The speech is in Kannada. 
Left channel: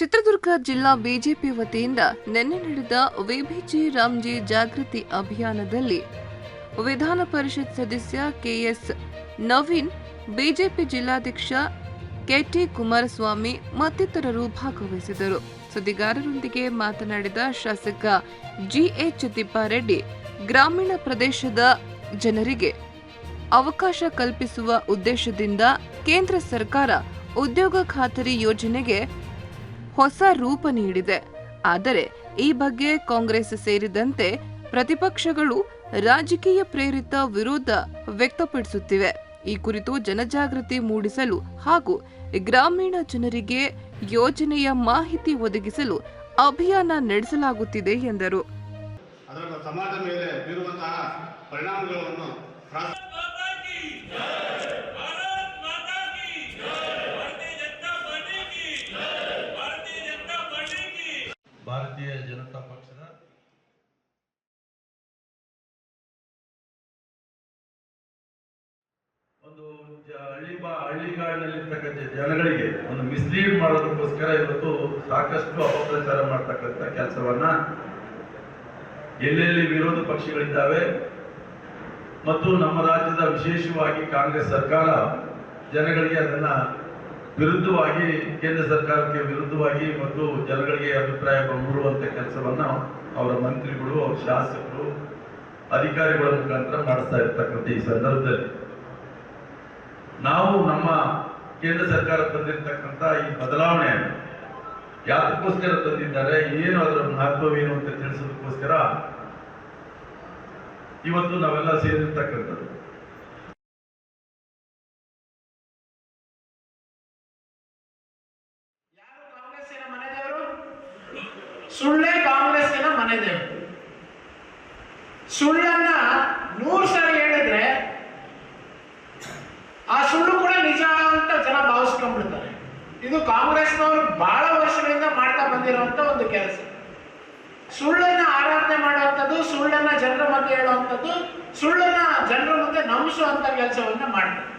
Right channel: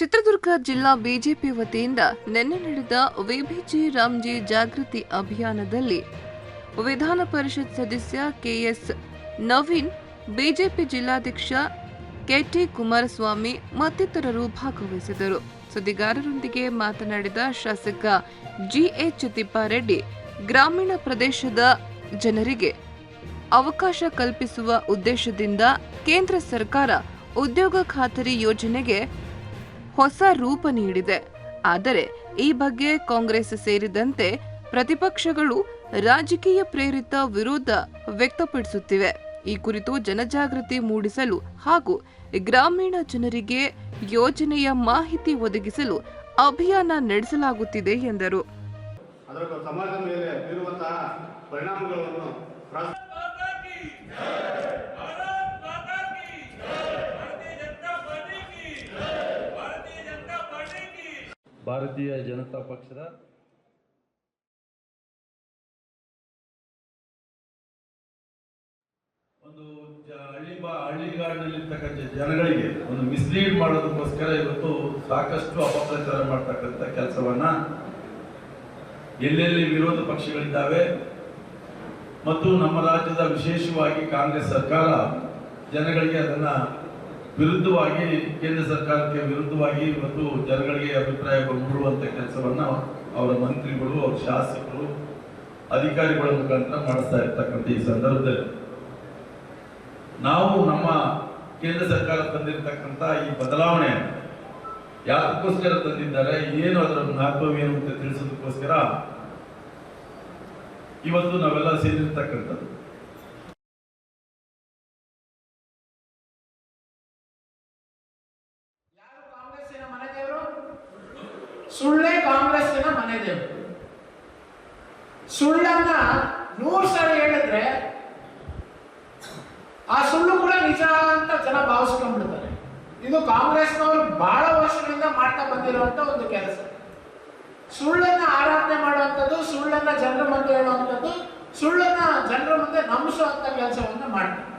ಚಿತ್ರದುರ್ಗ ಜಿಲ್ಲಾ ಬಿಜೆಪಿ ವತಿಯಿಂದ ನಿನ್ನೆ ನಡೆದ ವಿಬಿಜಿ ರಾಮ್ಜಿ ಜಾಗೃತಿ ಅಭಿಯಾನದಲ್ಲಿ ವಿಧಾನ ಪರಿಷತ್ ಸದಸ್ಯ ಕೆಎಸ್ ನವೀನ್, ಬಿಜೆಪಿ ಜಿಲ್ಲಾಧ್ಯಕ್ಷ ಕೆಟಿ ಕುಮಾರಸ್ವಾಮಿ ಮತ್ತಿತರರು ಭಾಗವಹಿಸಿದರು. ಸುದ್ದಿಗಾರರೊಂದಿಗೆ ಮಾತನಾಡಿದ ಶಾಸಕ ಜಿಎಚ್ ತಿಪ್ಪಾರೆಡ್ಡಿ, ಗ್ರಾಮೀಣ ಪ್ರದೇಶದ ಜನರಿಗೆ ಅವಕಾಶ ಕಲ್ಪಿಸುವ ಉದ್ದೇಶದಿಂದ ಕೇಂದ್ರ ಸರ್ಕಾರ ಉದ್ಯೋಗ ಖಾತರಿ ಯೋಜನೆಗೆ ಹೊಸ ರೂಪ ನೀಡಿದೆ. ಆದರೆ ಈ ಬಗ್ಗೆ ಕಾಂಗ್ರೆಸ್ ಸೇರಿದಂತೆ ಪ್ರತಿಪಕ್ಷಗಳು ರಾಜಕೀಯ ಪ್ರೇರಿತ ವಿರೋಧ ವ್ಯಕ್ತಪಡಿಸುತ್ತಿವೆ. ಈ ಕುರಿತು ಜನಜಾಗೃತಿ ಮೂಡಿಸಲು ಹಾಗೂ ಗ್ರಾಮೀಣ ಜನರಿಗೆ ಯೋಜನೆಯ ಮಾಹಿತಿ ಒದಗಿಸಲು ಅಭಿಯಾನ ನಡೆಸಲಾಗುತ್ತಿದೆ ಎಂದರು. ಭಾರತೀಯ ಜನತಾ ಪಕ್ಷದ ಒಂದು ಹಳ್ಳಿಗಾಡಿನಲ್ಲಿರ್ತಕ್ಕಂಥ ಜನಗಳಿಗೆ ಒಂದು ಮಿಸ್ಲೀಡ್ ಮಾಡೋದಕ್ಕೋಸ್ಕರ ಇವತ್ತು ಸಾಕಷ್ಟು ಅಪಪ್ರಚಾರ ಮಾಡ್ತಕ್ಕಂಥ ಕೆಲಸವನ್ನ ಎಲ್ಲೆಲ್ಲಿ ವಿರೋಧ ಪಕ್ಷಗಳಿದ್ದಾವೆ ಮತ್ತು ನಮ್ಮ ರಾಜ್ಯದ ವಿಶೇಷವಾಗಿ ಕಾಂಗ್ರೆಸ್ ಸರ್ಕಾರ ಜನಗಳಿಗೆ ಅದನ್ನ ವಿರುದ್ಧವಾಗಿ, ಕೇಂದ್ರ ಸರ್ಕಾರಕ್ಕೆ ವಿರುದ್ಧವಾಗಿ ಮತ್ತು ಜನಗಳಿಗೆ ಅಭಿಪ್ರಾಯ ಮೂಡುವಂತ ಕೆಲಸವನ್ನ ಅವರ ಮಂತ್ರಿಗಳು, ಅವರ ಶಾಸಕರು, ಅಧಿಕಾರಿಗಳ ಮುಖಾಂತರ ಮಾಡಿಸ್ತಾ ಇರ್ತಕ್ಕಂಥ ಈ ಸಂದರ್ಭದಲ್ಲಿ ನಾವು ನಮ್ಮ ಕೇಂದ್ರ ಸರ್ಕಾರ ತಂದಿರತಕ್ಕಂಥ ಈ ಬದಲಾವಣೆ ಯಾತಕ್ಕೋಸ್ಕರ ತಂದಿದ್ದಾರೆ, ಏನು ಅದರ ಮಹತ್ವವೇನು ಅಂತ ತಿಳಿಸೋದಕ್ಕೋಸ್ಕರ ಇವತ್ತು ನಾವೆಲ್ಲ ಸೇರಿರ್ತಕ್ಕಂಥದ್ದು. ಸುಳ್ಳೇ ಕಾಂಗ್ರೆಸ್ಸಿನ ಮನೆದೇವರು. ಸುಳ್ಳನ್ನ 100 ಸರಿ ಹೇಳಿದ್ರೆ ಆ ಸುಳ್ಳು ಕೂಡ ನಿಜ ಅಂತ ಜನ ಭಾವಿಸ್ಕೊಂಡ್ಬಿಡ್ತಾರೆ. ಇದು ಕಾಂಗ್ರೆಸ್ನವರು ಬಹಳ ವರ್ಷಗಳಿಂದ ಮಾಡ್ತಾ ಬಂದಿರುವಂತ ಒಂದು ಕೆಲಸ. ಸುಳ್ಳನ್ನ ಆರಾಧನೆ ಮಾಡುವಂಥದ್ದು, ಸುಳ್ಳನ್ನ ಜನರ ಮಧ್ಯೆ ಹೇಳುವಂಥದ್ದು, ಸುಳ್ಳನ್ನ ಜನರ ಮಧ್ಯೆ ನಂಬಿಸುವಂತ ಕೆಲಸವನ್ನ ಮಾಡ್ತಾರೆ.